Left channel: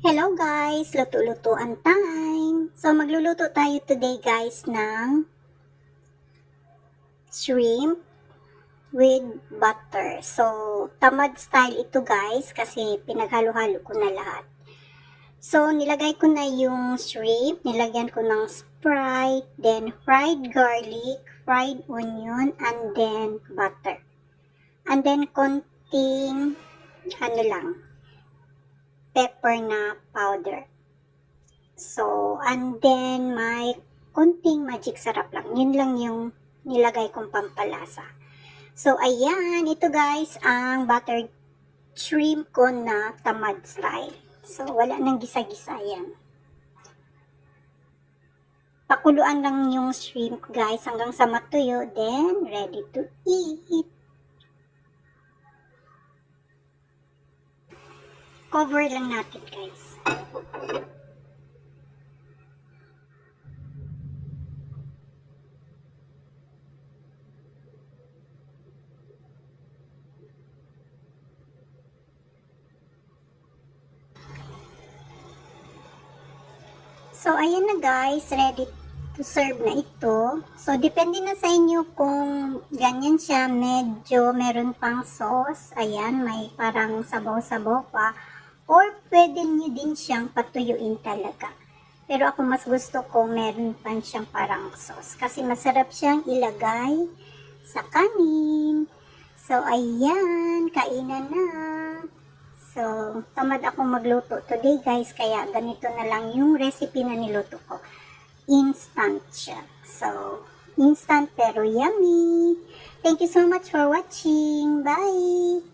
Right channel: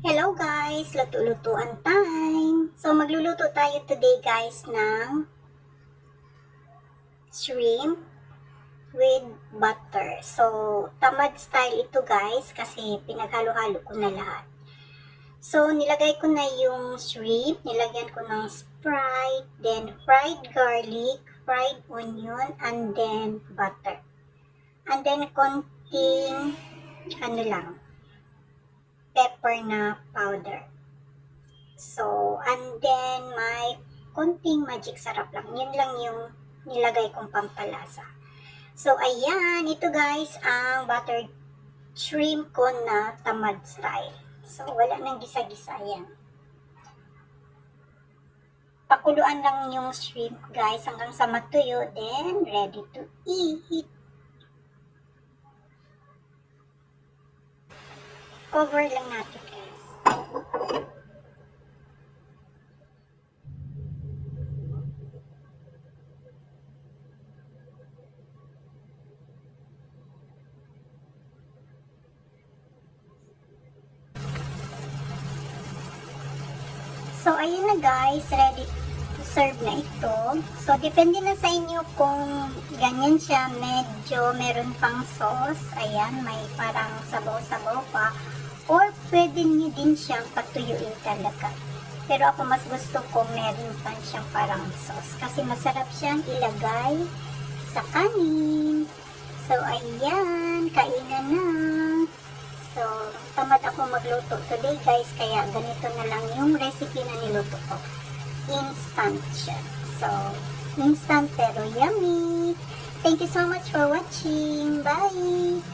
Hello guys! Luto-lutuan time! So magluluto tayo today guys ng shrimp with butter. So tamad style ito guys kasi pinaghalo-halo ko na lahat. So nilagay ko na yung shrimp, nilagyan ko ng Sprite, then fried garlic, fried onion, and then butter. And then konting pepper na powder. So, and then may konting magic sarap lang. Yun lang yung nilagay kong pampalasa. So, ayan. Ito guys, ang buttered shrimp ko na tamad style. So, wala nang gisa-gisa yan. Pakuluan lang yung shrimp guys hanggang sa matuyo. Then, ready to eat. Cover lang natin guys. So, ayan na guys, ready to serve na ito. So, depende na sa inyo kung ganyan siya, medyo meron pang sauce. Ayan, may parang sabaw-sabaw pa. Or, pwede nyo din siyang patuyuin talaga. Pero ako mas gusto kong meron pa siyang parang sauce. Kasi masarap siyang ilagay sa kanin. So, ayan, kainan na. So, tamad akong magluto today guys, kaya ganito na lang yung recipe na niluto ko. Instant siya. So, instant pero yummy. Thank you so much for watching. Bye!